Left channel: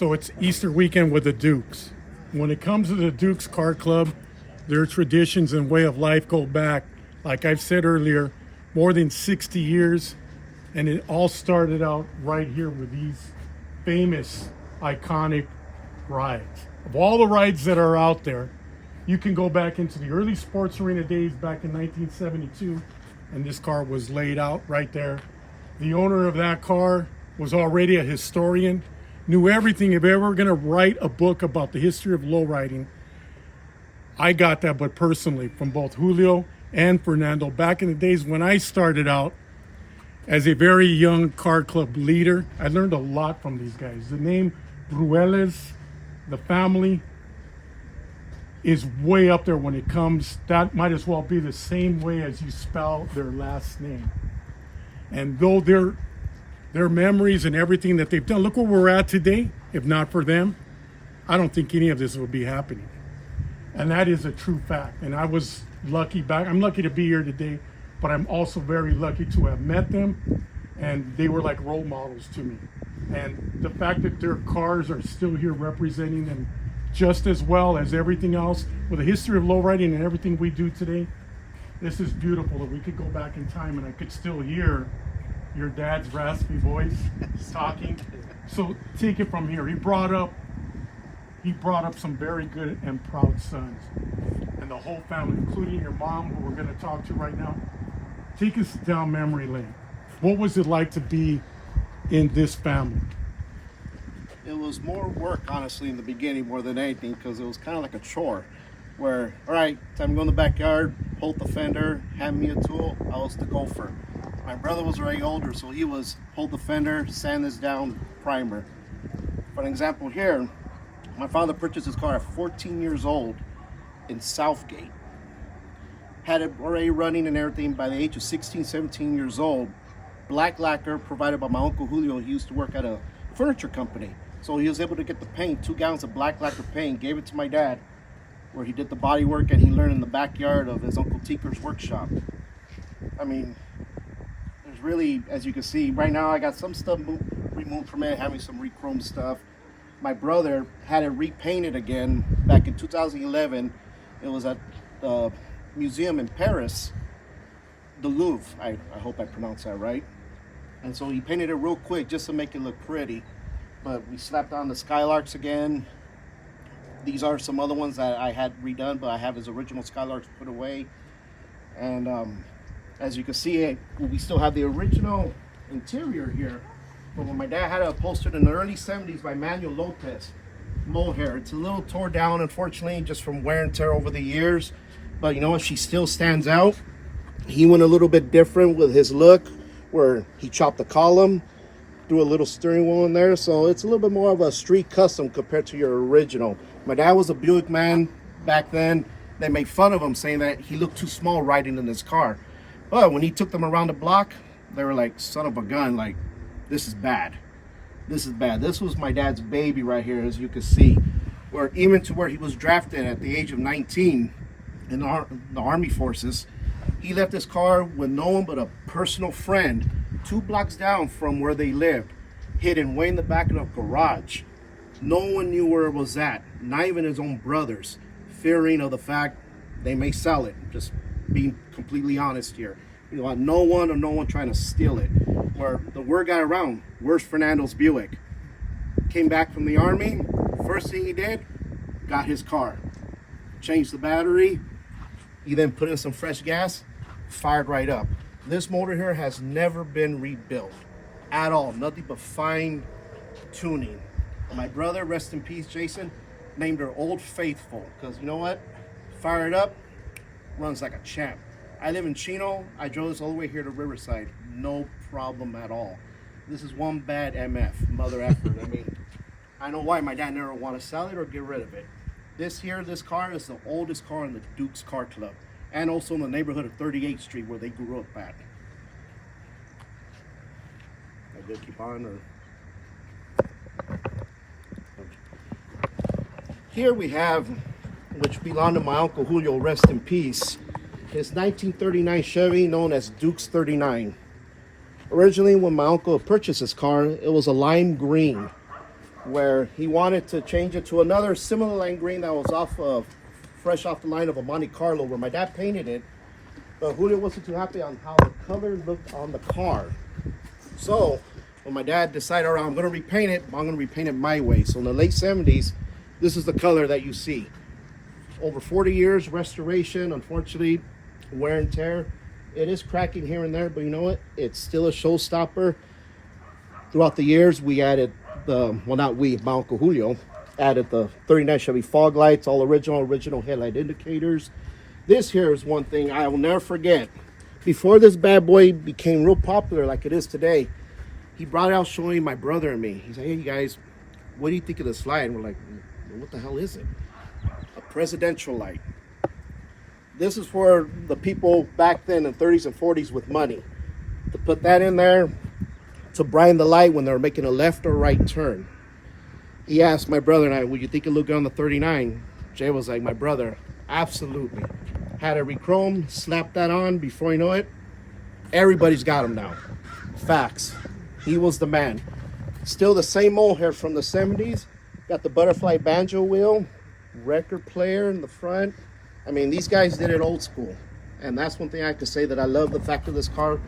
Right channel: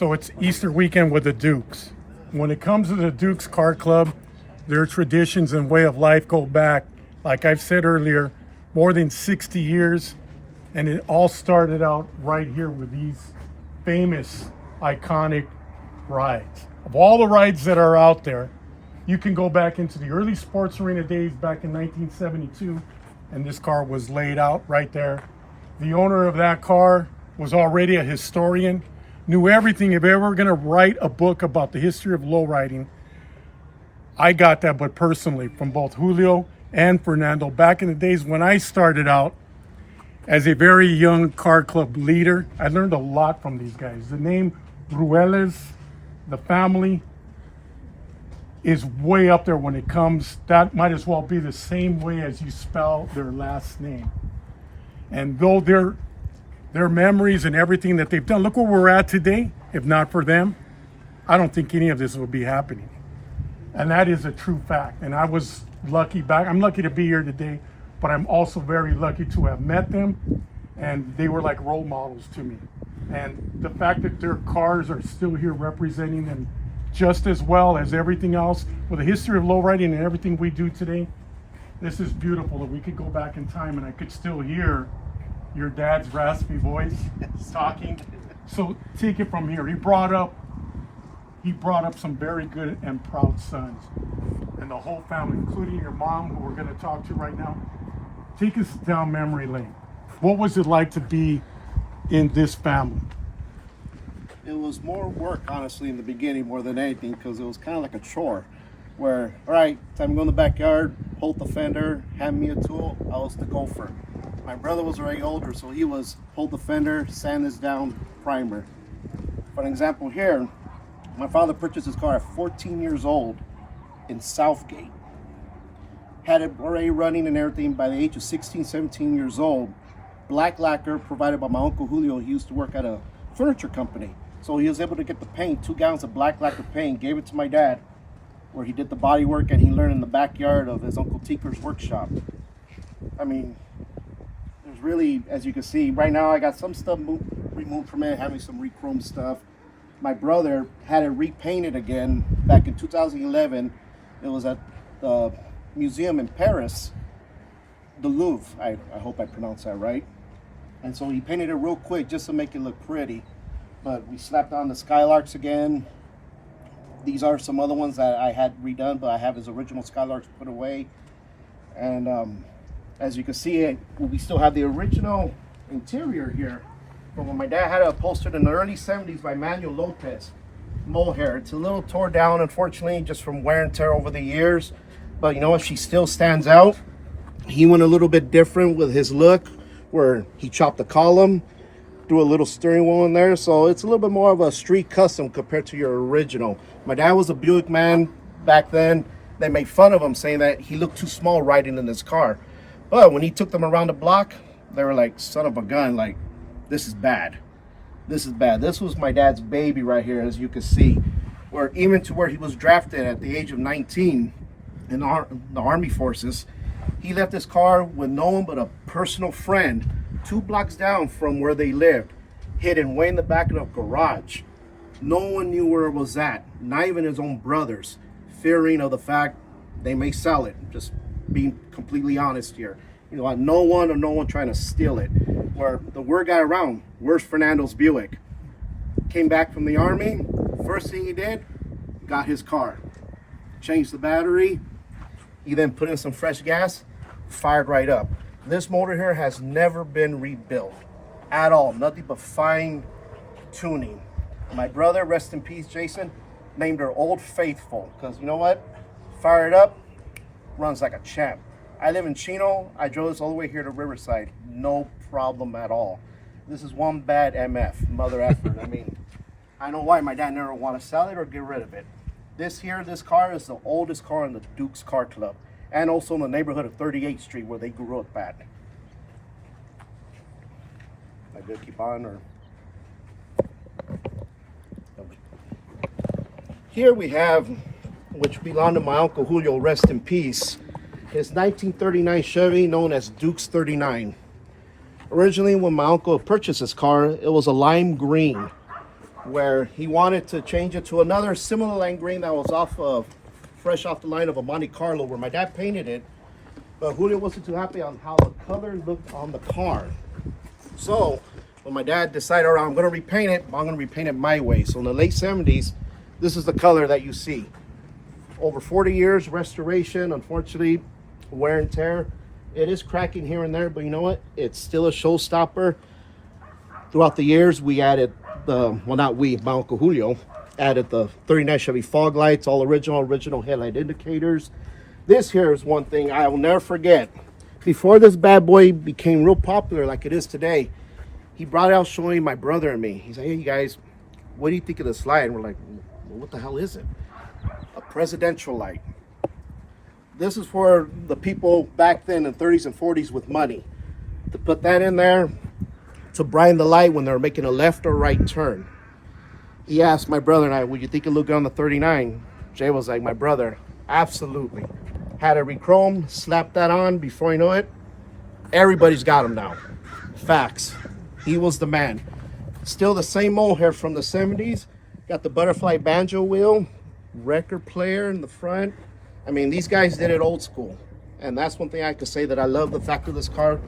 So it's Easter weekend with the Dukes. When it comes to the Dukes Car Club, their traditions and way of life go back, like I've said earlier, more than 60 years. And it all started out right here with these famous, iconic rides. Of all the rides that are out there, you can go back into the early sports arena days back in 1972, and this car was laid out right there. The owner of that car was already a historian, knew everything. If ever going to write a book about the history of lowriding, I got that, but personally, from both Julio and Fernando. Back in the days when I started out as a very young car club leader, I learned a lot from these guys. The name Ruelas, the family, is way up there when it comes. That might as well be the same way as you spell their last name. And though their memories and everything that they've done, look where we're at today. If not for them, I don't think any of this would be happening. And that is a true fact. And I was lucky I'm lucky to be here today, but I'm also very lucky to have met them, and they were like role models to me. And the fact that their cars are still here representing them just as well as everything else, with the history of lowriding and everything we do today, this is beautiful that we could go back in time and I could still hear your dad's raspy voice talking. So take it from here. He brought up some very good and proud sons, and the whole family, including your mom, who we're going to talk to right now. Take us down memory lane. What was it like to be in this family? It was more work, honestly, in the beginning more than anything, because it was kind of like a chore where, all right, time to go in the backyard, hold the fender, hand me a tool. I was the gopher. My brother was already older, so he was hold the fender, sand this down, primer. For an example here, my father purchased his car at 14 years old in Southgate. Had it already running and everything by the age of 16, 17 years old. Black lacquer provided by my Uncle Julio. He used to work at a furniture company. So he was able to get the paint, 2 gallons of black lacquer paint, gave it to my dad, where he did the body work, and he learned in the backyard of his Uncle Tinker's workshop. I mean, there's really, as you can see, right now I got some stuff removed from it, having some re-chrome stuff. My brother had it repainted again back in 2011. It was at the museum in Paris, the Louvre. I hope I pronounced that right. And so he painted it real quick just to make it look pretty. But we slapped on the Skylarks again. These are some other ones that I had redone, but I have his original Skylarks put away. And as you can see, we still have the original interior here from when my dad had it upholstered in the early 70s by Manuel Lopez. Mohair. It's a little tore down, unfortunately, just from wear and tear over the years. But you know what? She still stands out. He went a little bit different with his look, where he chopped the column, threw a little steering wheel in there, so it's a little bit more of a street custom compared to your original. My dad was a Buick man back then. They made fun of him, saying that he looked too small riding in this car. But when he took them around the block, they were like, son of a gun, like, this is bad. This is bad. This was my dad's baby right here, as you can see, where even to where he was drafted at the age of 19 in the Army forces, he left his car with no one but a personal friend 2 blocks down from where they lived, hidden way in the back of the garage. No one knew where it was at, not even his own brothers, fearing of the fact they may sell it. Just being completely honest here. You know, no one trying to steal it. Where the word got around, where's Fernando's Buick? Came back from the Army, first thing he did, got his car. Changed the battery, he then put in some fresh gas, fired right up. This motor here has never been rebuilt at all. Nothing but fine tuning. My brother, rest in peace, Jason, named her Old Faithful, because you know what? Fire it up, runs like a champ. I live in Chino. I drove this all the way here to Riverside. No problem at all. This is one bad MF, mother effort. I mean, I know why my dad never want to sell it or get rid of it. This car is the oldest car in the Dukes Car Club, and also in the neighborhood of 38th Street where they grew up at. I did keep on, or? Here we have, which belonged to my Uncle Julio, rest in peace, his 1939 Chevy known as Dukes 39. Originally, when my uncle purchased this car, it was a lime green. where he wanted to change it to another similar lime green that was fresh off the line of a Monte Carlo, where my dad painted it. But Julio wasn't too happy on how the color looked on the car. So when my dad decided, all right, I'm going to repaint it, I'm going to repaint it my way. So in the late 70s, this is the color that you see. Over 40 years, restoration, unfortunately, wear and tear. It is cracking here and there, but you know what? It's still a showstopper. Throughout the years, we added my Uncle Julio, added the 39 Chevy fog lights, all original headlight indicators. This here is one thing I will never forget. Before this bad boy became real popular like it is today, he brought it out showing my brother and me. He said, hey, you guys, what do you think of this light? And we're like, what the hell is it? A presidential light. This is for the people back then in the 30s and 40s with money. To put that in there to brighten the light when they were making a left or right turn. He asked my brother and I, would you think it looked good on the 39? Jay was like, my brother, absolutely. Had it re-chrome, slapped that on. Before you know it, everybody's got him now. Facts. He was the man. Still the same old hair from the 70s. Got the butterfly banjo wheel, record player in the front. I mean, these guys did it old school. And that's one thing I could say that I love the fact of this car.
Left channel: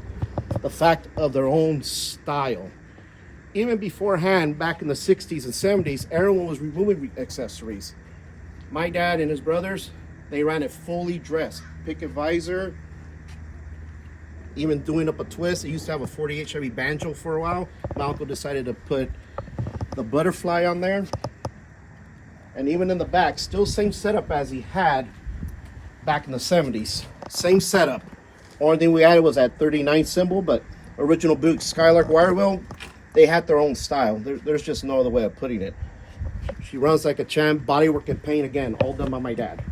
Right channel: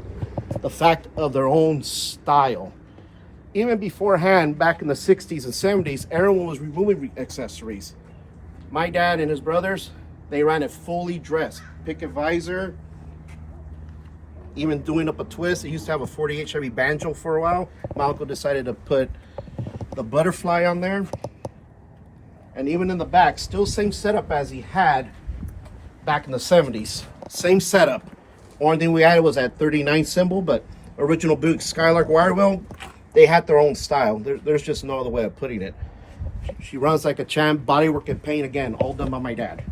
The fact of their own style. Even beforehand, back in the 60s and 70s, everyone was removing accessories. My dad and his brothers, they ran it fully dressed. Picket visor, even doing up a twist. They used to have a 48 Chevy Banjo for a while. My uncle decided to put the butterfly on there. And even in the back, still same setup as he had back in the 70s. Same setup. Only thing we added was that 39 symbol, but original Buick Skylark wire wheel, they had their own style. There's just no other way of putting it. She runs like a champ, bodywork and paint again, all done by my dad.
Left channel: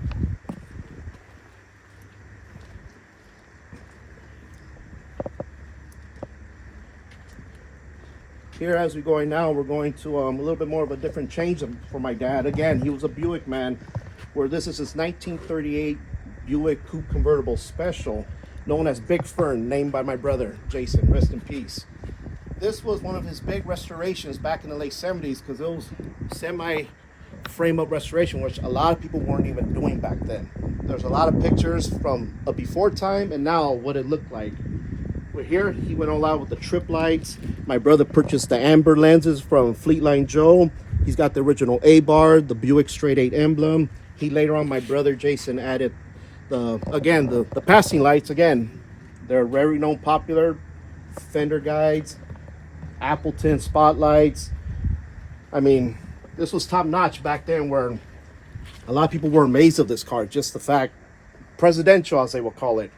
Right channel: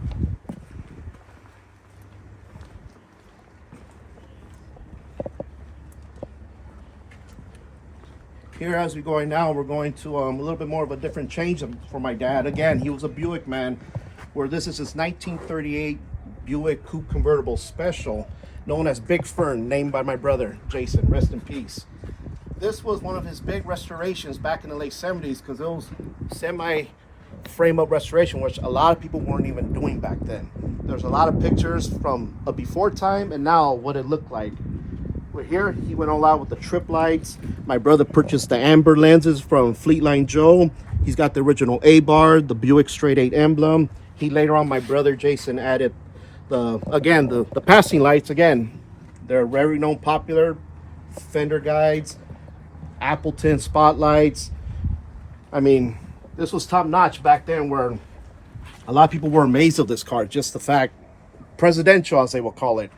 Here as we're going now, we're going to a little bit more of a different change for my dad. Again, he was a Buick man, where this is his 1938 Buick Coupe Convertible Special, known as Big Fern, named by my brother, Jason, rest in peace. This was one of his big restorations back in the late 70s because it was semi-frame-up restoration, which a lot of people weren't even doing back then. There's a lot of pictures from a before time and now what it looked like. But here, he went all out with the trip lights. My brother purchased the amber lenses from Fleetline Joe. He's got the original A-bar, the Buick Straight 8 emblem. He later on, my brother Jason added the passing lights. Again, they're very known, popular fender guides, Appleton spotlights. I mean, this was top notch back then, where a lot of people were amazed of this car. Just the fact, presidential as they will call it.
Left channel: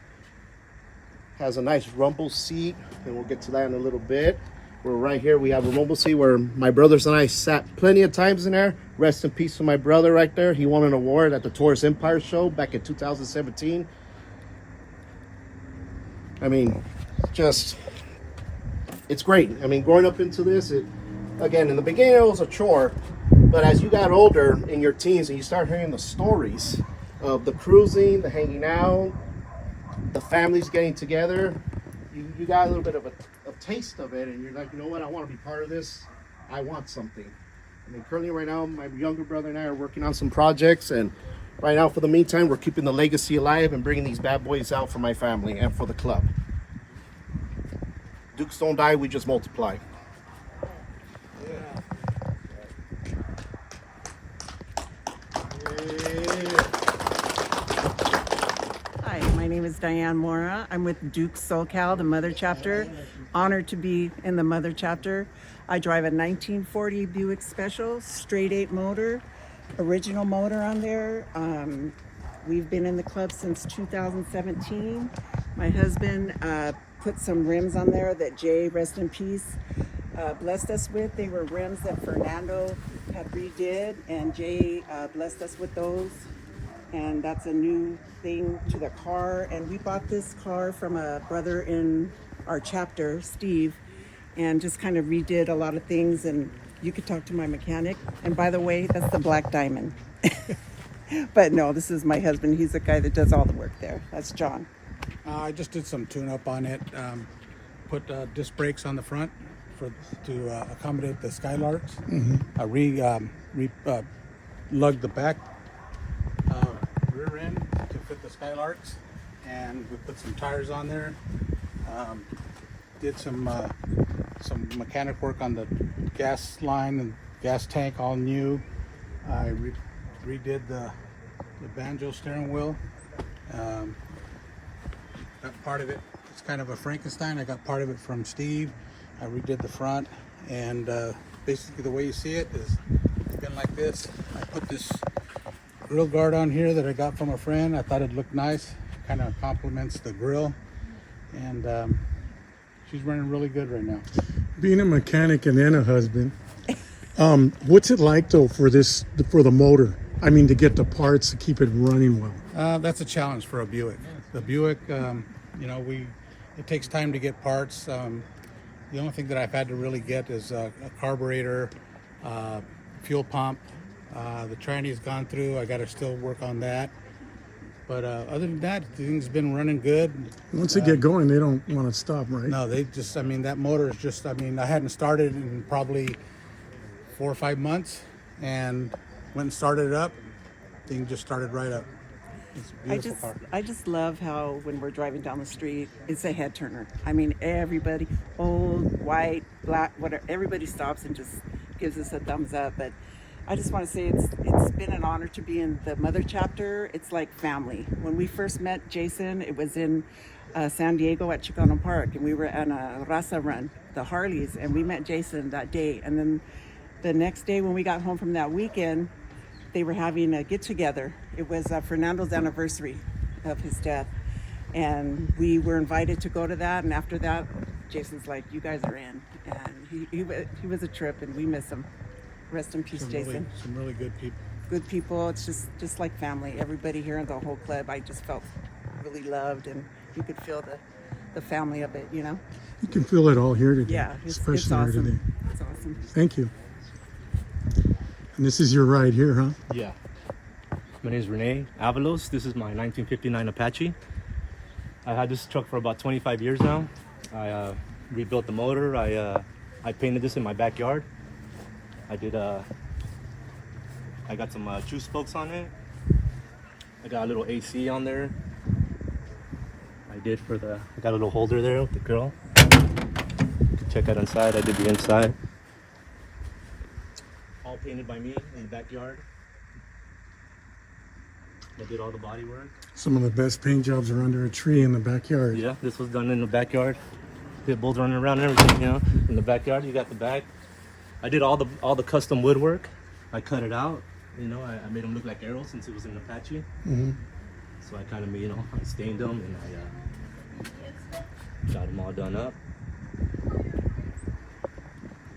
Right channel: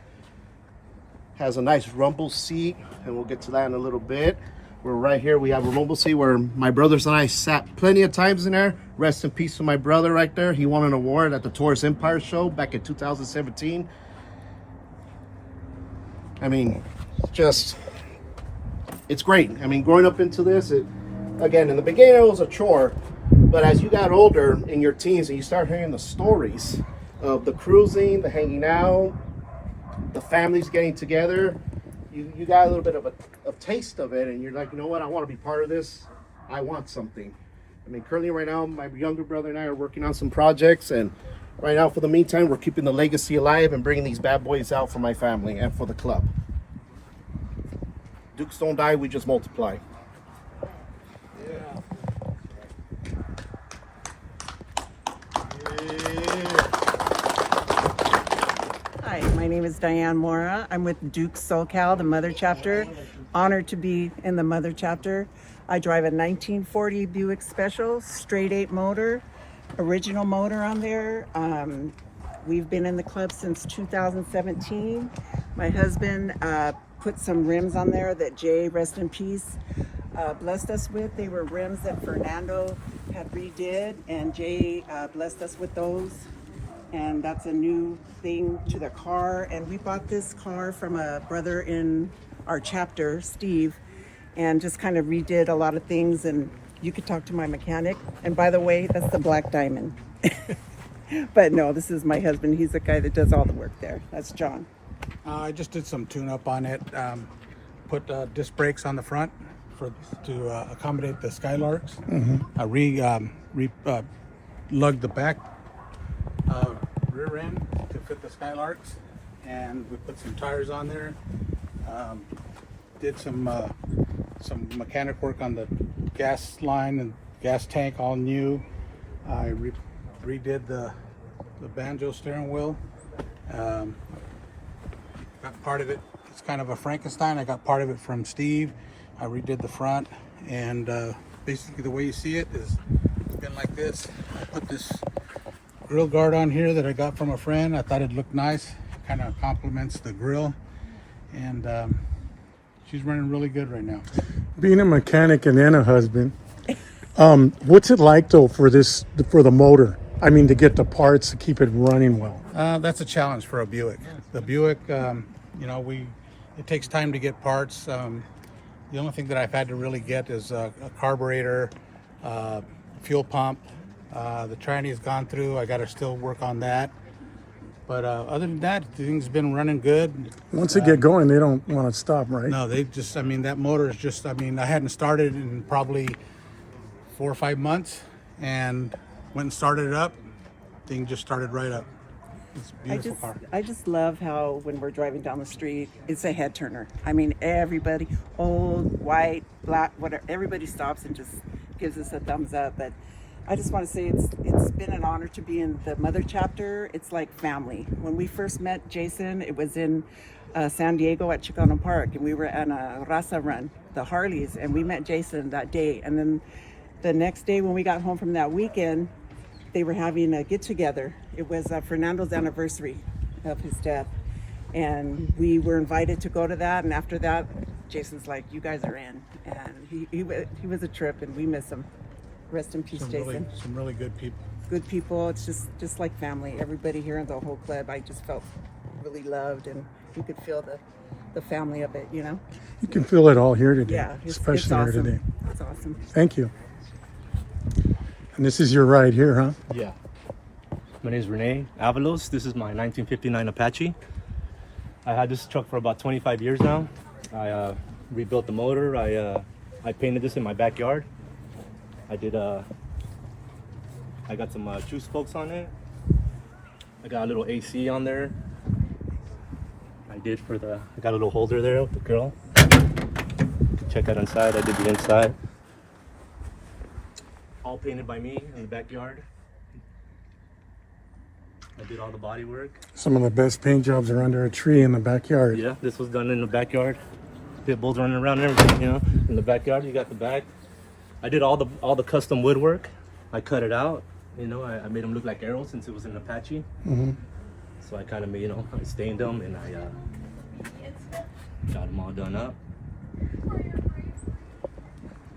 Has a nice rumble seat, and we'll get to that in a little bit. We're right here, we have a rumble seat where my brothers and I sat plenty of times in there. Rest in peace to my brother right there. He won an award at the Taurus Empire show back in 2017. I mean, just, it's great. I mean, growing up into this, again, in the beginning it was a chore, but as you got older in your teens and you start hearing the stories of the cruising, the hanging out, the families getting together, you got a little bit of a taste of it, and you're like, you know what, I want to be part of this. I want something. I mean, currently right now, my younger brother and I are working on some projects, and right now, for the meantime, we're keeping the legacy alive and bringing these bad boys out for my family and for the club. Dukes don't die, we just multiply. Hi, my name is Diane Mora. I'm with Duke SoCal, the Mother Chapter. Honored to be in the Mother Chapter. I drive a 1940 Buick Special, straight 8 motor, original motor on there. We've been in the club since 2017. My husband put some rims on there that Jay, rest in peace, blessed us with. They were rims that Fernando had redid, and Jay blessed us with those. And that's a new thing to the car. And we bought this car from a brother in our chapter, Steve, and just kind of redid a lot of things. And you could talk to my mechanic. And by the way, that's the Black Diamond. But no, this is my husband. He's the guy that does all the work there. That's John. I just did some tune-up on it. Put disc brakes on the front to accommodate the Skylarks. I lugged the back rear end to fit the Skylarks, and we put some tires on there. Did some mechanic work on the gas line and gas tank, all new. I redid the banjo steering wheel. Got part of it. It's kind of a Frankenstein. I got part of it from Steve. I redid the front, and basically the way you see it is it's been like this. I put this grill guard on here that I got from a friend. I thought it looked nice. Kind of complements the grill, and she's running really good right now. Being a mechanic and then a husband, what's it like though for the motor? I mean, to get the parts to keep it running well. That's a challenge for a Buick. The Buick, it takes time to get parts. The only thing that I've had to really get is a carburetor, fuel pump. The tranny's gone through. I got to still work on that. But other than that, things been running good. Once they get going, they don't want to stop, right? No, that motor is just, I hadn't started in probably 4 or 5 months, and went and started it up. Thing just started right up. It's a beautiful car. I just love how when we're driving down the street, it's a head turner. I mean, everybody, old, white, black, whatever, everybody stops and just gives us a thumbs up. But I just want to say it's been an honor to be in the Mother chapter. It's like family. When we first met Jason, it was in San Diego at Chicano Park, and we were at a Raza run, the Harleys, and we met Jason that day. And then the next day when we got home from that weekend, they were having a get-together. It was Fernando's anniversary of his death, and we were invited to go to that. And after that, Jason's like, "You guys are in," and he was a trip, and we miss him. Rest in peace, Jason. Some really good people. Good people. It's just like family. Everybody here in the whole club, I just felt really loved, and you could feel the family of it. You can feel it all here today. Yeah, especially it's awesome. here today. It's awesome. Thank you. And this is your ride here, huh? Yeah. My name is Rene Avalos. This is my 1959 Apache. I had this truck for about 25 years now. I rebuilt the motor. I painted this in my backyard. I got some juice spokes on it. I got a little AC on there. I got a little holder there with the grill. You can check out inside. I did the inside. All painted by me in the backyard. I did all the body work. Some of the best paint jobs are under a tree in the backyard. Yeah, this was done in the backyard. Pit bulls running around and everything, in the backyard. You got the back. I did all the custom woodwork. I cut it out. I made them look like arrows since it was an Apache. So I kind of made, I stained them, and I got them all done up.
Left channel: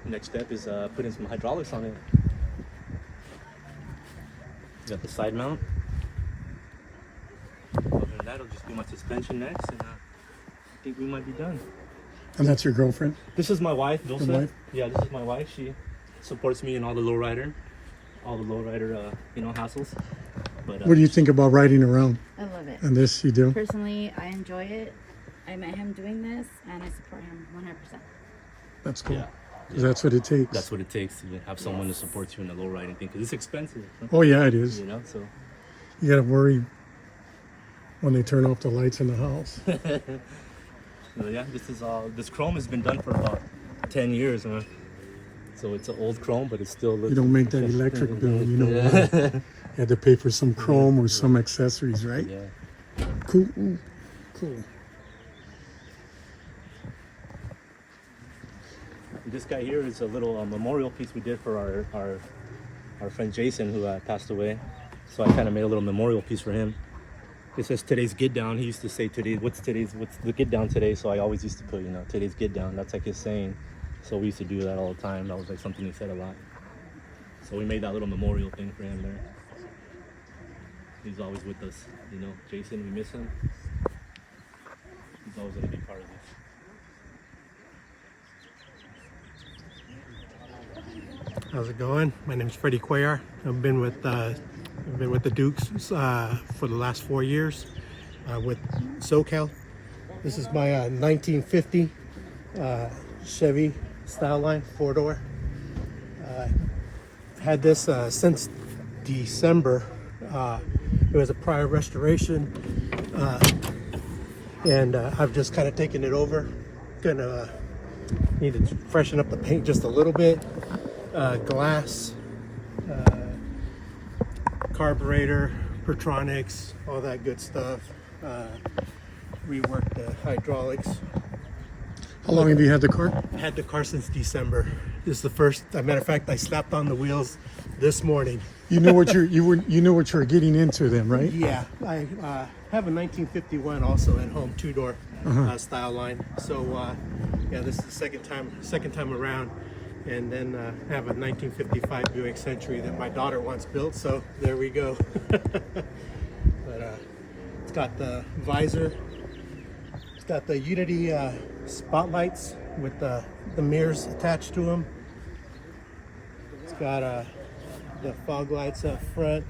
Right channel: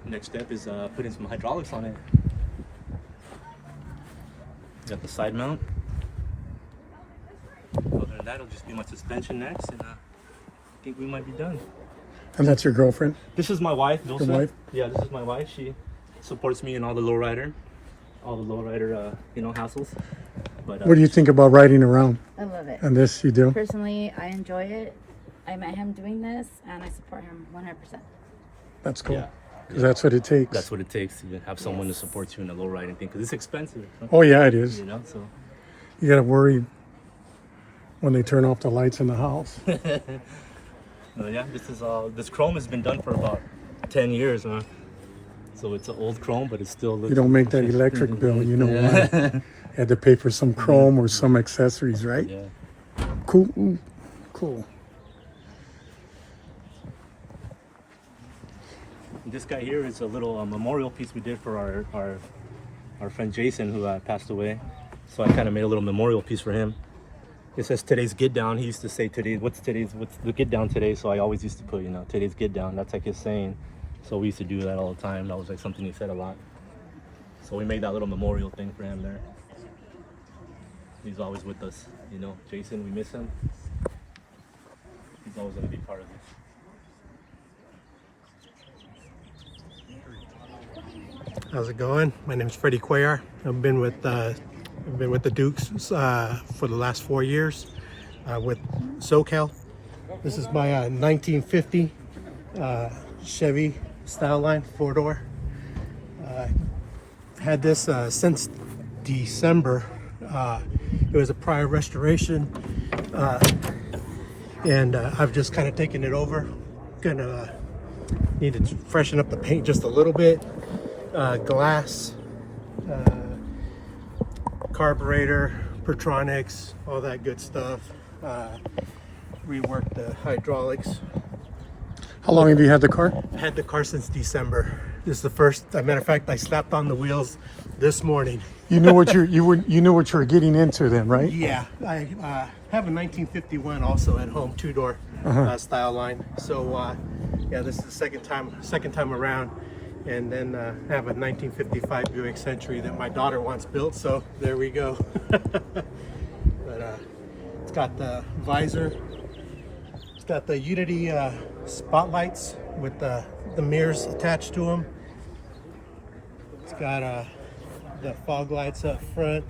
Next step is putting some hydraulics on it. Got the side mount. Other than that, it'll just be my suspension next, and I think we might be done. And that's your girlfriend? This is my wife, Dulce. Your wife? Yeah, this is my wife. She supports me in all the lowrider hassles. But What do you think about riding around? I love it. And this you do? Personally, I enjoy it. I met him doing this, and I support him 100%. That's cool. Yeah. 'Cause that's what it takes. That's what it takes to have someone to support you in the low riding thing, because it's expensive. Oh yeah, it is. So. You gotta worry when they turn off the lights in the house. This chrome has been done for about 10 years, huh? So it's an old chrome, but it still looks. You don't make that electric bill, you know why? You had to pay for some chrome or some accessories, right? Yeah. Cool. Cool. This guy here is a little memorial piece we did for our friend Jason, who passed away. So I kind of made a little memorial piece for him. It says today's get down. He used to say what's the get down today? So I always used to put, today's get down. That's like his saying. So we used to do that all the time. That was like something he said a lot. So we made that little memorial thing for him there. He's always with us, Jason, we miss him. He's always going to be part of this. How's it going? My name is Freddie Cuellar. I've been with the Dukes for the last 4 years with SoCal. This is my 1950 Chevy style line, 4-door. Had this since December. It was a prior restoration, and I've just kind of taken it over. Gonna need to freshen up the paint just a little bit. Glass, carburetor, Pertronics, all that good stuff. Reworked the hydraulics. How long have you had the car? Had the car since December. This is the first. As a matter of fact, I slapped on the wheels this morning. You knew what you knew what you were getting into then, right? Yeah, I have a 1951 also at home, 2-door style line. So yeah, this is the second time around, and then I have a 1955 Buick Century that my daughter wants built. So there we go. But it's got the visor. It's got the Unity spotlights with the mirrors attached to them. It's got the fog lights up front.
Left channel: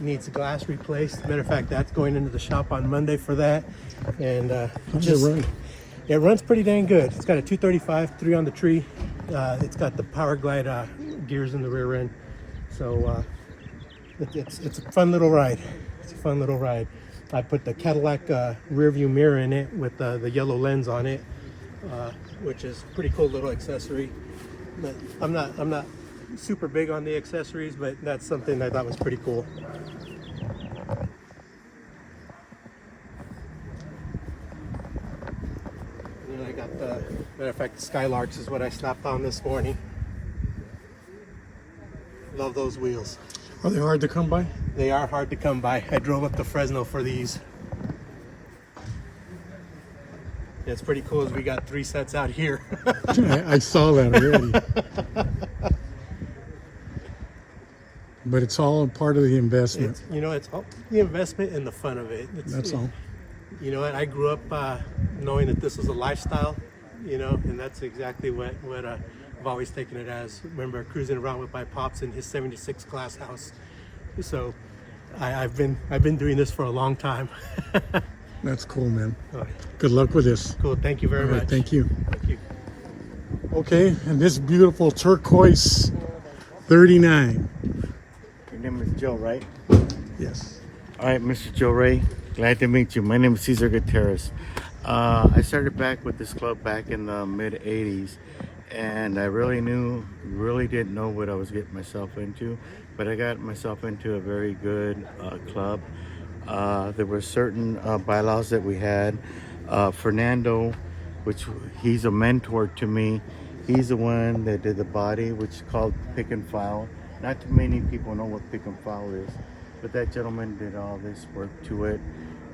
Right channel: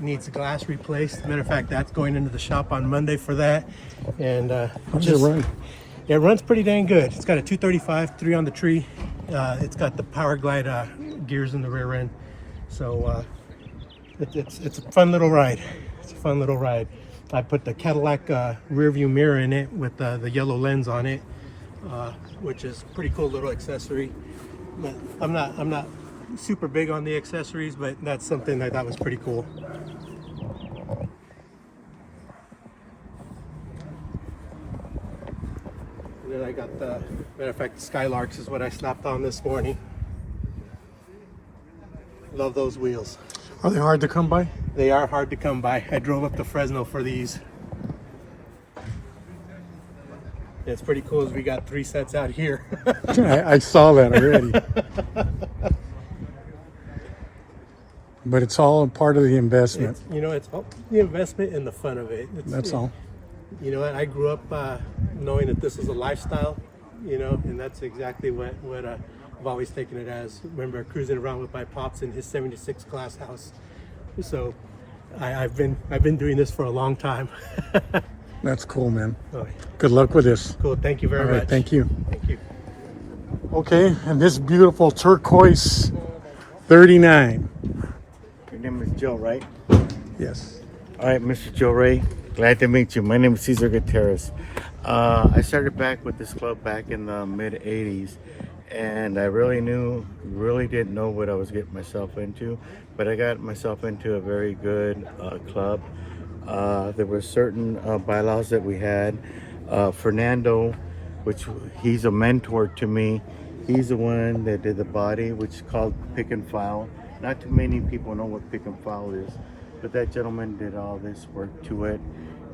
Needs the glass replaced. Matter of fact, that's going into the shop on Monday for that. And How does it run? it runs pretty dang good. It's got a 235, 3 on the tree. It's got the Power Glide gears in the rear end. So it's a fun little ride. It's a fun little ride. I put the Cadillac rear view mirror in it with the yellow lens on it, which is a pretty cool little accessory. But I'm not super big on the accessories, but that's something that I thought was pretty cool. And then I got the, matter of fact, the Skylarks is what I slapped on this morning. Love those wheels. Are they hard to come by? They are hard to come by. I drove up to Fresno for these. Yeah, it's pretty cool as we got 3 sets out here. I saw that already. But it's all a part of the investment. It's all the investment and the fun of it. That's all. You know, I grew up knowing that this is a lifestyle, and that's exactly what I've always taken it as. Remember cruising around with my pops in his 76 class house. So I've been doing this for a long time. That's cool, man. All right. Good luck with this. Cool. Thank you very All right, much. thank you. Thank you. Okay, and this beautiful turquoise 39. Your name is Joe, right? Yes. All right, Mr. Joe Ray. Glad to meet you. My name is Cesar Gutierrez. I started back with this club back in the mid 80s, and I really didn't know what I was getting myself into, but I got myself into a very good club. There were certain bylaws that we had. Fernando, which he's a mentor to me, he's the one that did the body, which is called pick and file. Not too many people know what pick and file is, but that gentleman did all this work to it.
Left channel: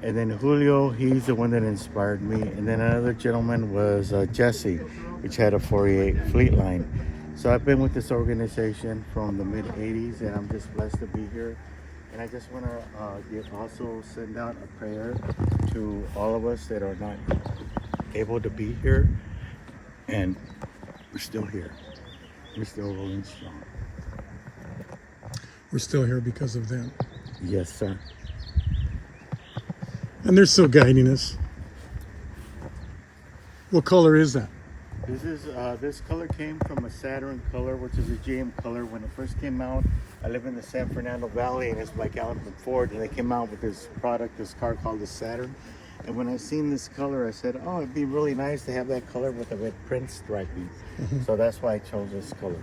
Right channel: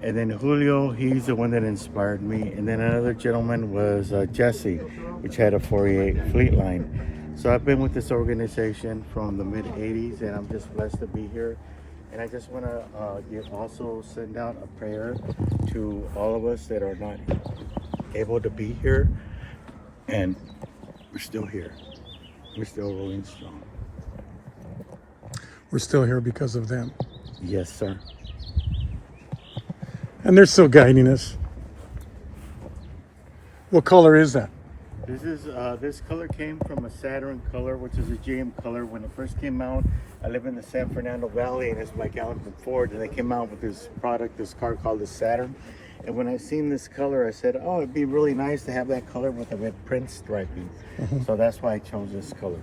And then Julio, he's the one that inspired me. And then another gentleman was Jesse, which had a 48 fleet line. So I've been with this organization from the mid 80s, and I'm just blessed to be here. And I just want to also send out a prayer to all of us that are not able to be here. And we're still here. We're still rolling strong. We're still here because of them. Yes, sir. And they're still guiding us. What color is that? This color came from a Saturn color, which is a GM color. When it first came out, I live in the San Fernando Valley, and it's like out from Ford, and they came out with this car called the Saturn. And when I seen this color, I said, oh, it'd be really nice to have that color with the red print striping. So that's why I chose this color.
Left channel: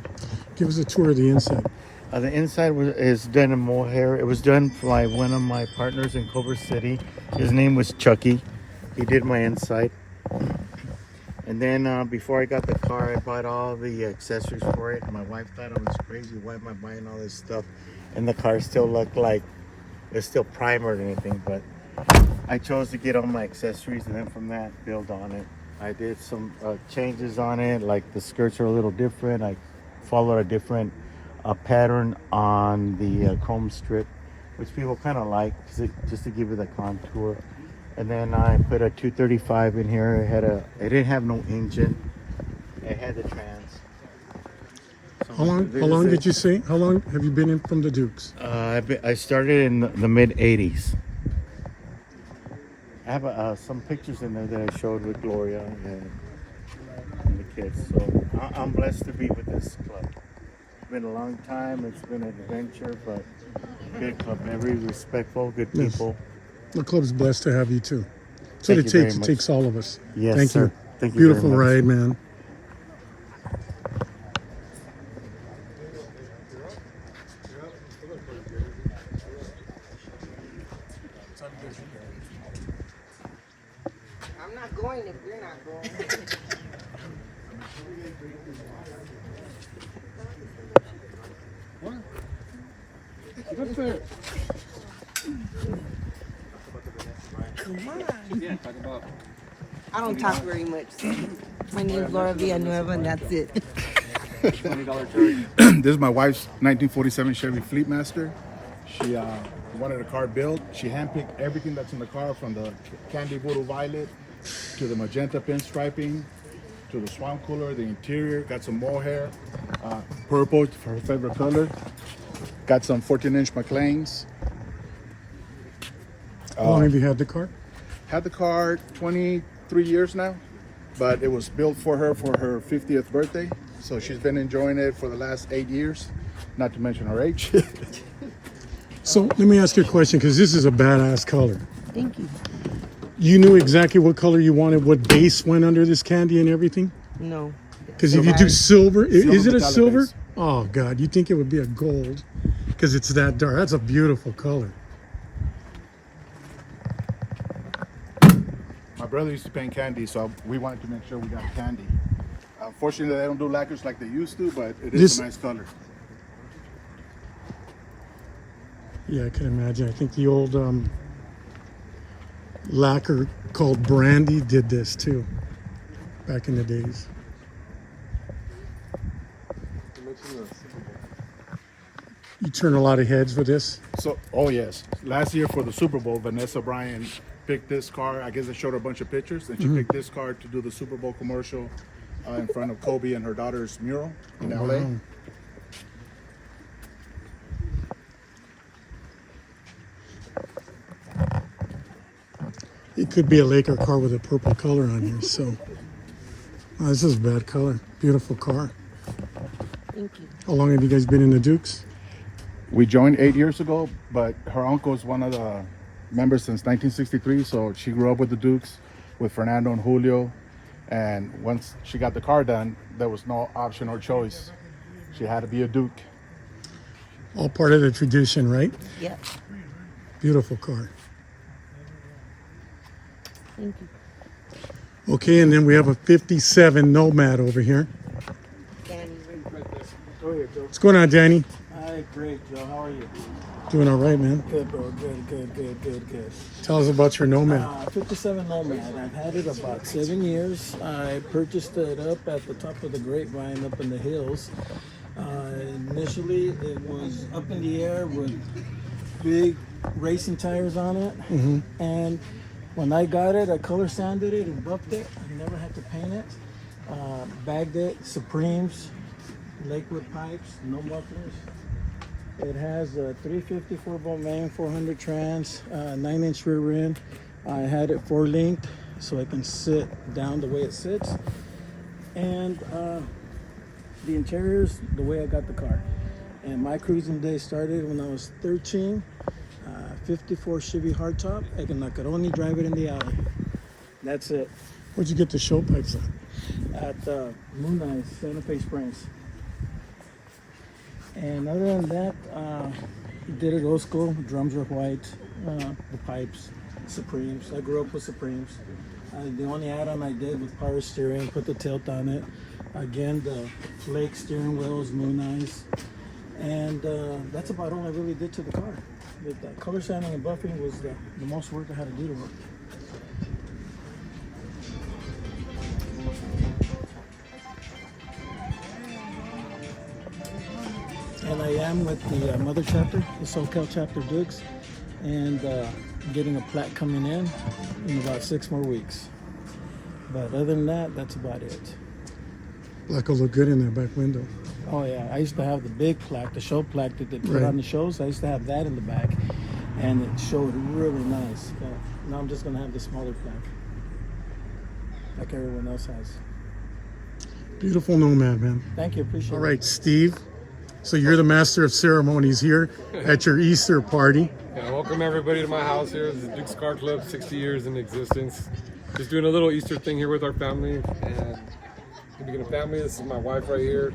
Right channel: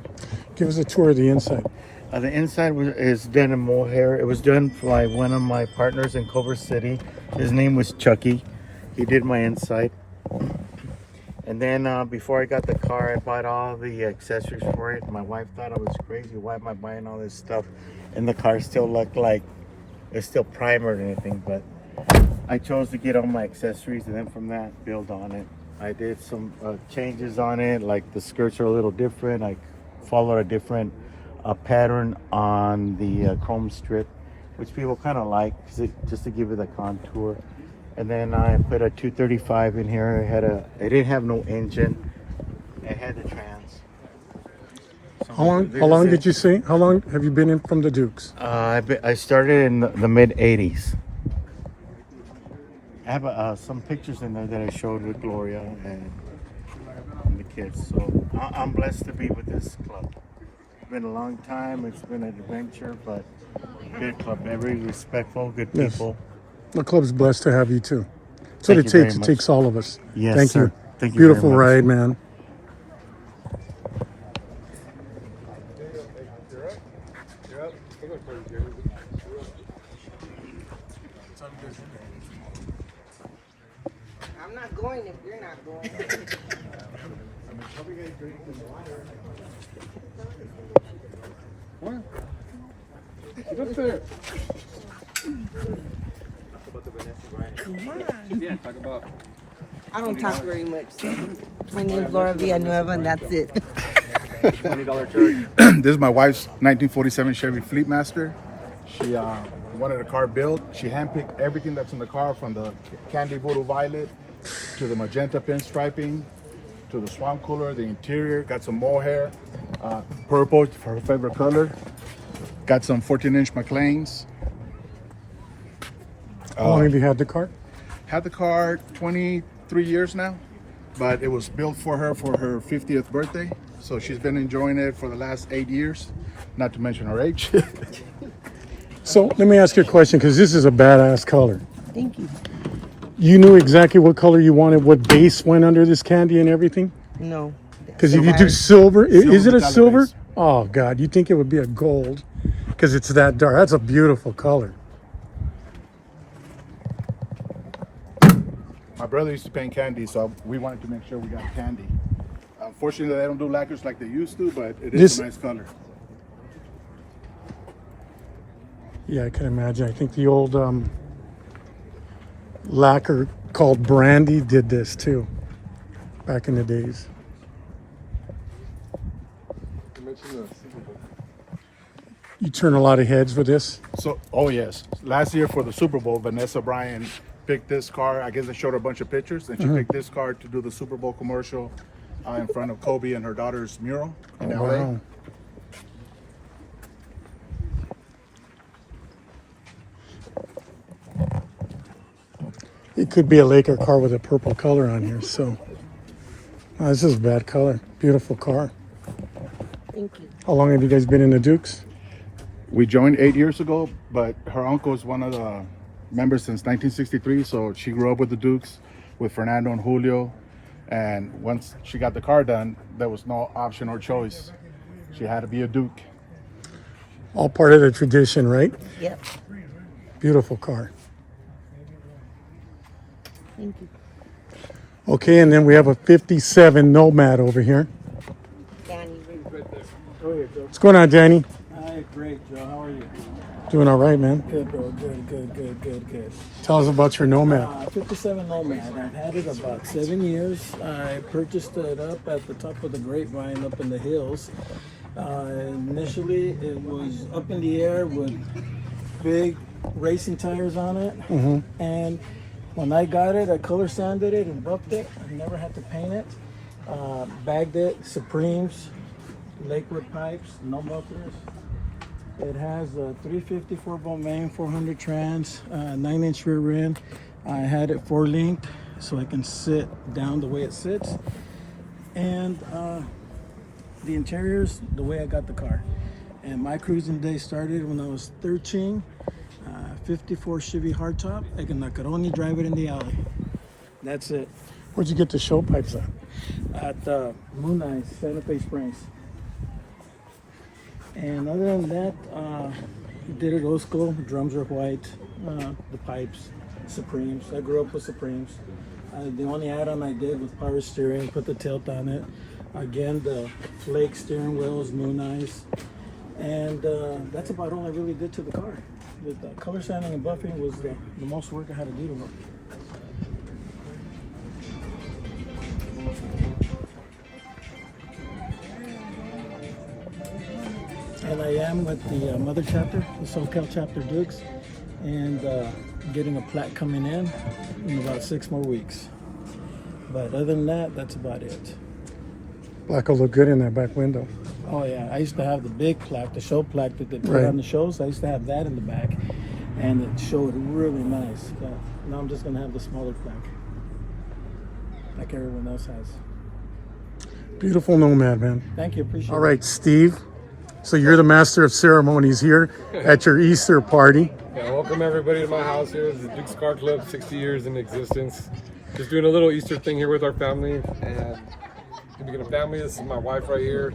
Give us a tour of the inside. The inside is done in mohair. It was done by one of my partners in Culver City. His name was Chucky. He did my inside. And then before I got the car, I bought all the accessories for it. My wife thought I was crazy. Why am I buying all this stuff? And the car still looked like it's still primered and everything. But I chose to get all my accessories, and then from that, build on it. I did some changes on it, like the skirts are a little different. I followed a different pattern on the chrome strip, which people kind of like, just to give you the contour. And then I put a 235 in here. It didn't have no engine. It had the trans. How long did you say? How long have you been in from the Dukes? I started in the mid 80s. I have some pictures in there that I showed with Gloria, and let me kids. So I'm blessed to be with this club. It's been a long time. It's been an adventure, but good club. Very respectful, good Yes. people. The club's blessed to have you too. That's what Thank it you very takes. It much. takes all of us. Yes, Thank sir. you. Thank you Beautiful very much. ride, man. I'm not going if you're not going. I don't talk very much. So. My name's Villanueva, and that's it. This is my wife's 1947 Chevy Fleetmaster. She wanted a car built. She handpicked everything that's in the car, from the candy voodoo violet to the magenta pinstriping to the swamp cooler, the interior. Got some mohair, purple for her favorite color. Got some 14-inch McLeans. How long have you had the car? Had the car 23 years now, but it was built for her 50th birthday. So she's been enjoying it for the last 8 years, not to mention her age. So let me ask you a question, because this is a badass color. Thank you. You knew exactly what color you wanted, what base went under this candy and everything? No. Because if you do silver, is it a metallic silver? base. Oh God, you think it would be a gold because it's that dark. That's a beautiful color. My brother used to paint candy, so we wanted to make sure we got candy. Unfortunately, they don't do lacquers like they used to, but it is a nice color. Yeah, I can imagine. I think the old lacquer called Brandy did this too, back in the days. You turn a lot of heads with this. So, oh yes, last year for the Super Bowl, Vanessa Bryan picked this car. I guess I showed her a bunch of pictures, and she picked this car to do the Super Bowl commercial in front of Kobe and her daughter's mural in LA. Wow. It could be a Laker car with a purple color on here. So, this is a bad color. Beautiful car. Thank you. How long have you guys been in the Dukes? We joined 8 years ago, but her uncle is one of the members since 1963. So she grew up with the Dukes, with Fernando and Julio. And once she got the car done, there was no option or choice. She had to be a Duke. All part of the tradition, right? Yeah. Beautiful car. Thank you. Okay, and then we have a 57 Nomad over here. What's going on, Danny? Hi, great, Joe. How are you? Doing all right, man. Good, bro. Good. Tell us about your Nomad. 57 Nomad. I've had it about 7 years. I purchased it up at the top of the grapevine up in the hills. Initially, it was up in the air with big racing tires on it. And when I got it, I color sanded it and buffed it. I never had to paint it. Bagged it, Supremes, Lakewood pipes, no mufflers. It has a 354 bolt main, 400 trans, 9-inch rear end. I had it 4-linked so I can sit down the way it sits. And the interiors, the way I got the car. And my cruising day started when I was 13. 54 Chevy hardtop. I could only drive it in the alley. That's it. Where'd you get the show pipes at? At Moon Eyes, Santa Fe Springs. And other than that, did it old school. Drums are white, the pipes, Supremes. I grew up with Supremes. The only add-on I did was power steering, put the tilt on it. Again, the flake steering wheels, Moon Eyes. And that's about all I really did to the car. The color sanding and buffing was the most work I had to do to it. And I am with the mother chapter, the SoCal chapter Dukes, and getting a plaque coming in about 6 more weeks. But other than that, that's about it. Black will look good in that back window. Oh yeah, I used to have the big plaque, the show plaque that they put Right. on the shows. I used to have that in the back, and it showed really nice. Now I'm just gonna have the smaller plaque, like everyone else has. Beautiful Nomad, man. Thank you. Appreciate All it. right, Steve. So you're the master of ceremonies here at your Easter party. Yeah, welcome everybody to my house here. This is Duke's Car Club, 60 years in existence. Just doing a little Easter thing here with our family. And speaking of family, this is my wife right here,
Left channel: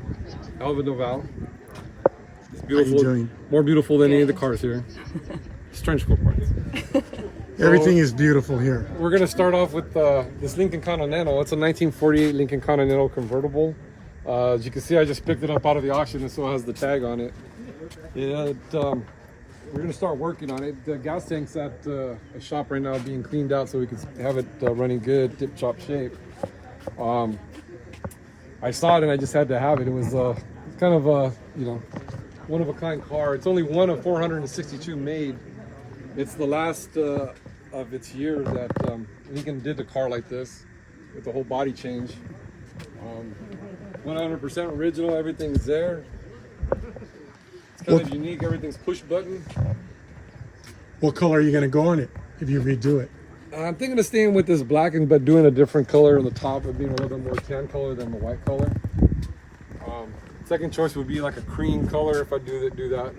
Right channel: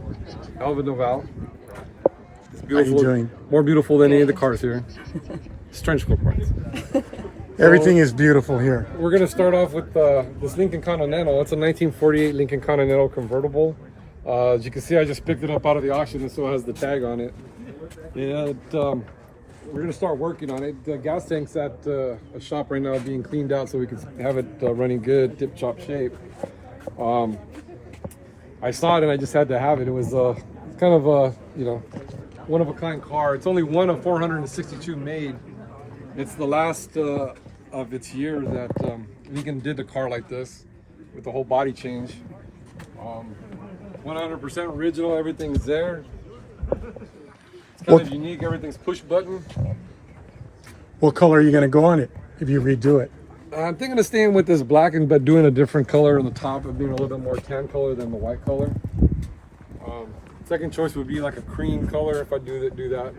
Elva Noval. It's beautiful. How you doing? More beautiful than any of the cars here. It's trench coat parts. Everything is beautiful here. We're gonna start off with this Lincoln Continental. It's a 1948 Lincoln Continental convertible. As you can see, I just picked it up out of the auction and so has the tag on it. And we're gonna start working on it. The gas tank's at a shop right now being cleaned out so we can have it running good, tip-top shape. I saw it and I just had to have it. It was kind of a, you know, one-of-a-kind car. It's only one of 462 made. It's the last of its year that Lincoln did the car like this with the whole body change. 100% original, everything's there. It's kind of unique, everything's push button. What color are you going to go on it if you redo it? I'm thinking of staying with this black but doing a different color on the top, of being a little bit more tan color than the white color. Second choice would be like a cream color if I do that.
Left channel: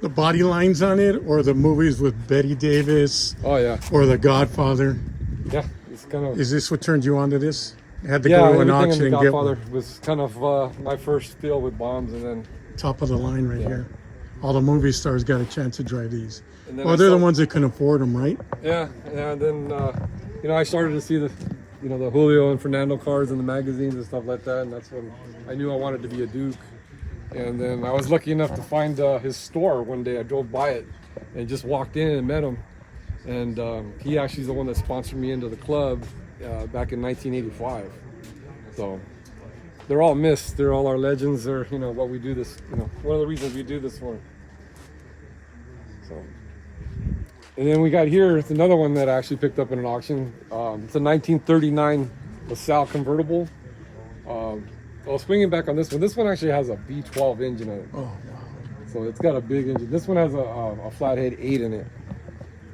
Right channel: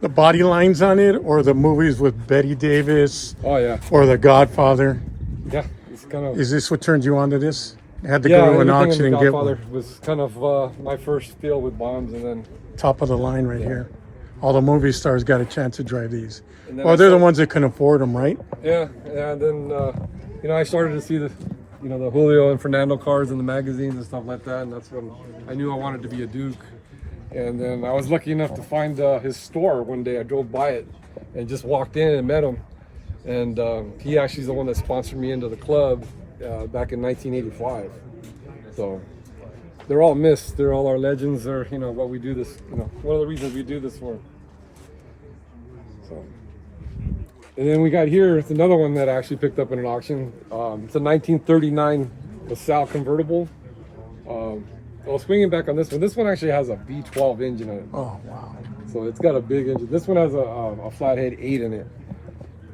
The body lines on it, or the movies with Betty Davis? Oh yeah. Or The Godfather? Yeah, it's kind of. Is this what turned you on to this? You had to go to an auction and get Godfather one. was kind of my first deal with bombs, and then Top of the line right here. All the movie stars got a chance to drive these. And then Well, I they're the started- ones that can afford them, right? yeah, and then you know, I started to see the Julio and Fernando cars in the magazines and stuff like that, and that's when I knew I wanted to be a Duke. And then I was lucky enough to find his store one day. I drove by it and just walked in and met him, and he actually is the one that sponsored me into the club back in 1985. So they're all missed. They're all our legends. They're what we do this. One of the reasons we do this for. So. And then we got here, it's another one that I actually picked up in an auction. It's a 1939 LaSalle convertible. I was swinging back on this one. This one actually has a V12 engine in it. Oh, wow. So it's got a big engine. This one has a flathead 8 in it.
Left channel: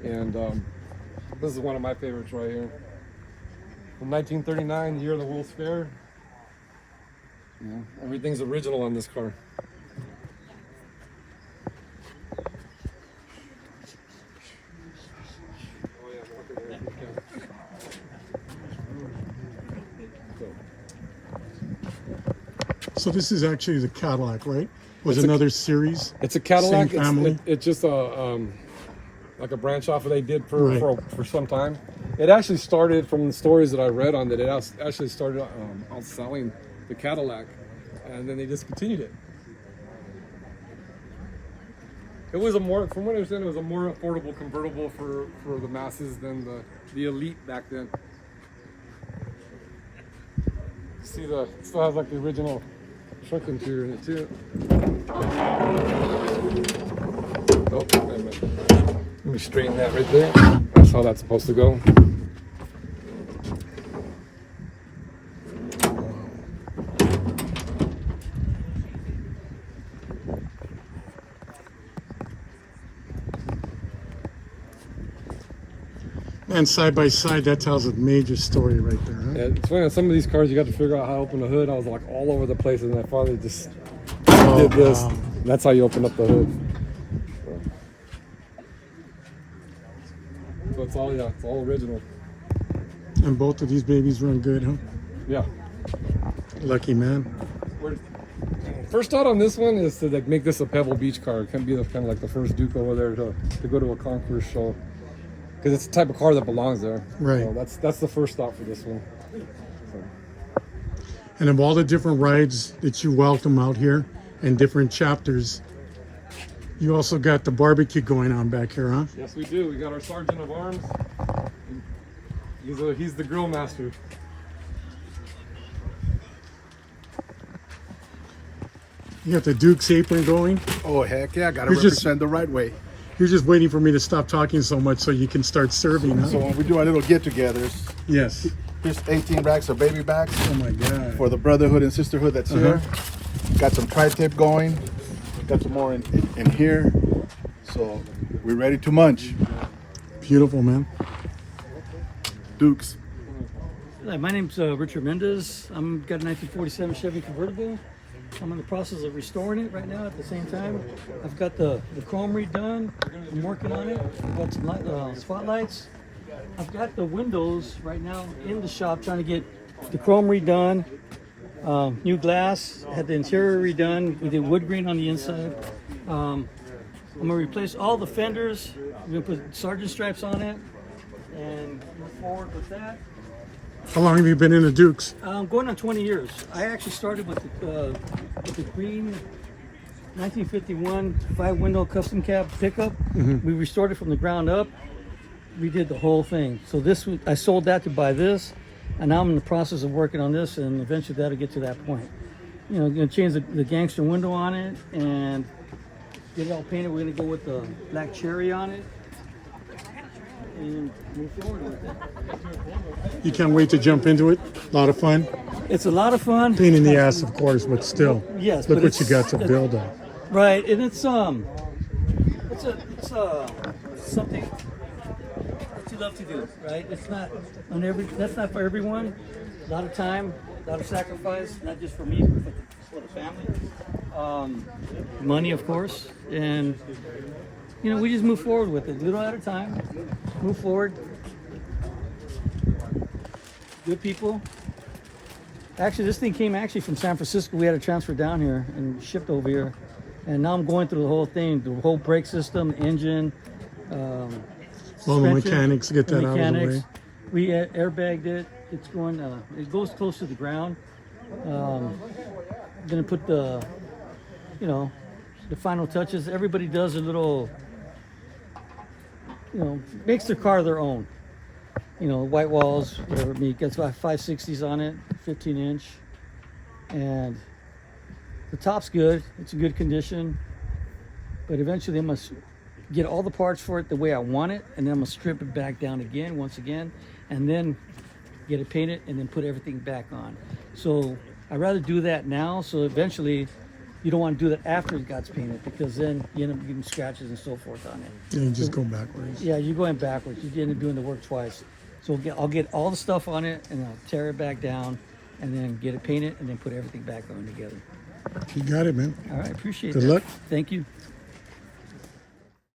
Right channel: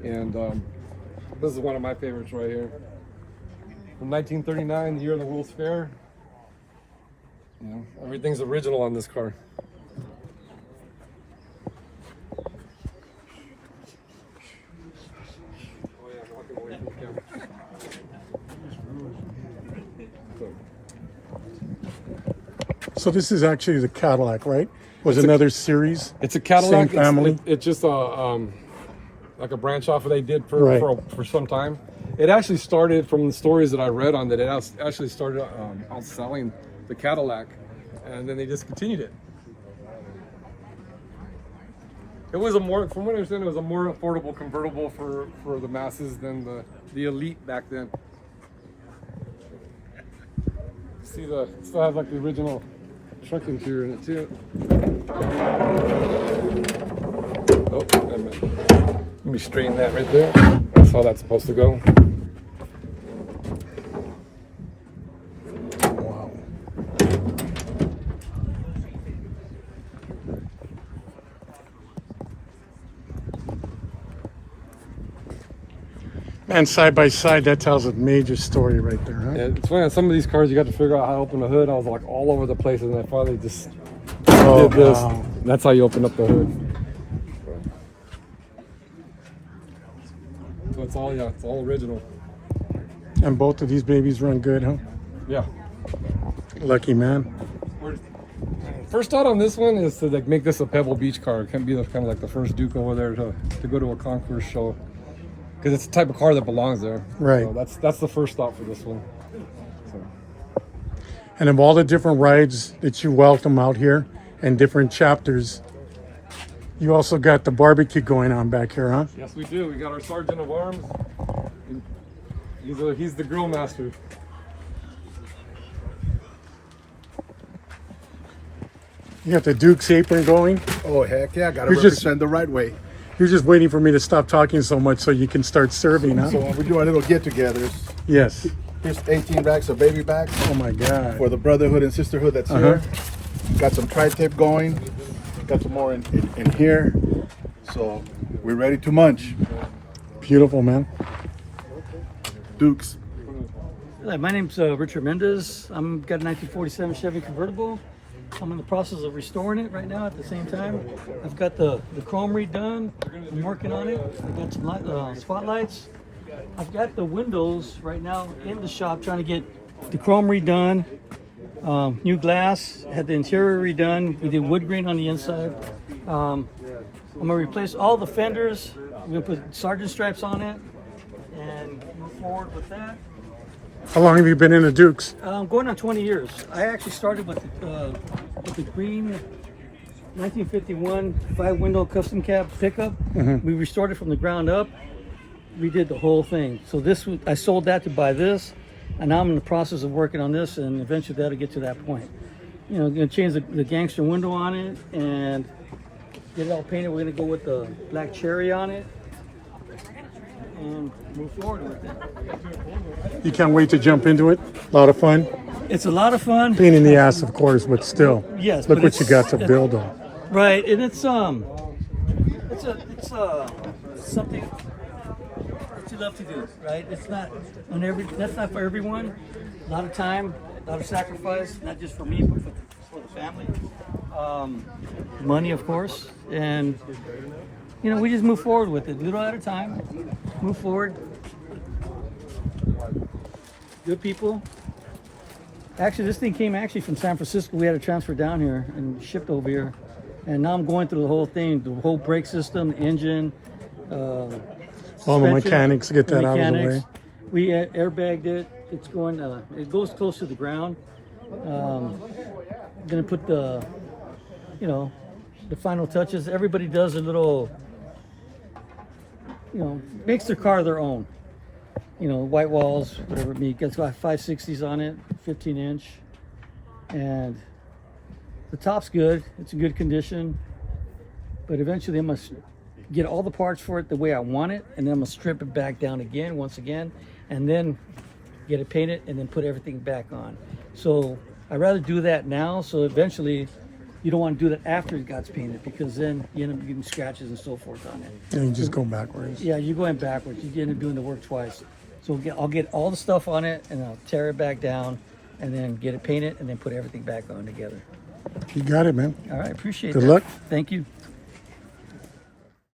And this is one of my favorites right here. From 1939, the year of the World's Fair. Yeah, everything's original on this car. So this is actually the Cadillac, right? Was another series? It's a Cadillac. Same family? It's just a like a branch off they did Right. for some time. It actually started from the stories that I read on that. It actually started outselling the Cadillac, and then they just continued it. It was from what I understand, it was a more affordable convertible for the masses than the elite back then. See, it still has like the original truck interior in it too. Oh, never mind. Let me straighten that right there. That's how that's supposed to go. And side by side, that tells a major story right there, huh? Yeah, it's funny, some of these cars you got to figure out how to open the hood. I was like all over the place, and I finally just Oh, did this. wow. That's how you open up the hood. So it's all original. And both of these babies run good, huh? Yeah. Lucky man. First thought on this one is to like make this a Pebble Beach car. It can be kind of like the first Duke over there to go to a concours show, because it's the type of car that belongs there. Right. So that's the first thought for this one. And of all the different rides that you welcome out here and different chapters, you also got the barbecue going on back here, huh? Yes, we do. We got our Sergeant of Arms. He's the grill master. You got the Duke's apron going. Oh, heck yeah. Got to You're just- represent the right way. You're just waiting for me to stop talking so much so you can start serving, huh? So when we do our little get-togethers, Yes. here's 18 racks of baby backs Oh my God. for the brotherhood and sisterhood that's here. Got some tri-tip going. Got some more in here. So we're ready to munch. Beautiful, man. Dukes. Hi, my name's Richard Mendez. I'm got a 1947 Chevy convertible. I'm in the process of restoring it right now at the same time. I've got the chrome redone. I'm working on it. I've got some spotlights. I've got the windows right now in the shop trying to get the chrome redone. New glass. Had the interior redone. We did wood grain on the inside. I'm gonna replace all the fenders. I'm gonna put sergeant stripes on it and move forward with that. How long have you been in the Dukes? Going on 20 years. I actually started with the green 1951 5-window custom cab pickup. We restored it from the ground up. Redid the whole thing. So this, I sold that to buy this, and now I'm in the process of working on this, and eventually that'll get to that point. You know, gonna change the gangster window on it and get it all painted. We're gonna go with the black cherry on it and move forward with it. You can't wait to jump into it. A lot of fun. It's a lot of fun. Pain in the ass, of course, but still. Yes. Look but what you got to build on. Right, and it's something that you love to do, right? It's not that's not for everyone. A lot of time, a lot of sacrifice, not just for me, but for the family. Money, of course, and you know, we just move forward with it, little at a time. Move forward. Good people. Actually, this thing came from San Francisco. We had to transfer down here and shipped over here. And now I'm going through the whole thing, the whole brake system, engine, All the mechanics get that out of the way. We airbagged it. It's going, it goes close to the ground. Gonna put the, you know, the final touches. Everybody does a little, you know, makes their car their own. You know, white walls, whatever it be. It's got 560s on it, 15-inch, and the top's good. It's in good condition, but eventually I must get all the parts for it the way I want it, and then I'm gonna strip it back down again, once again, and then get it painted, and then put everything back on. So I'd rather do that now, so eventually you don't want to do that after it got painted, because then you end up getting scratches and so forth on it. And you just go backwards. Yeah, you're going backwards. You end up doing the work twice. So I'll get all the stuff on it, and I'll tear it back down, and then get it painted, and then put everything back on together. You got it, man. All right, appreciate it. Good luck. Thank you.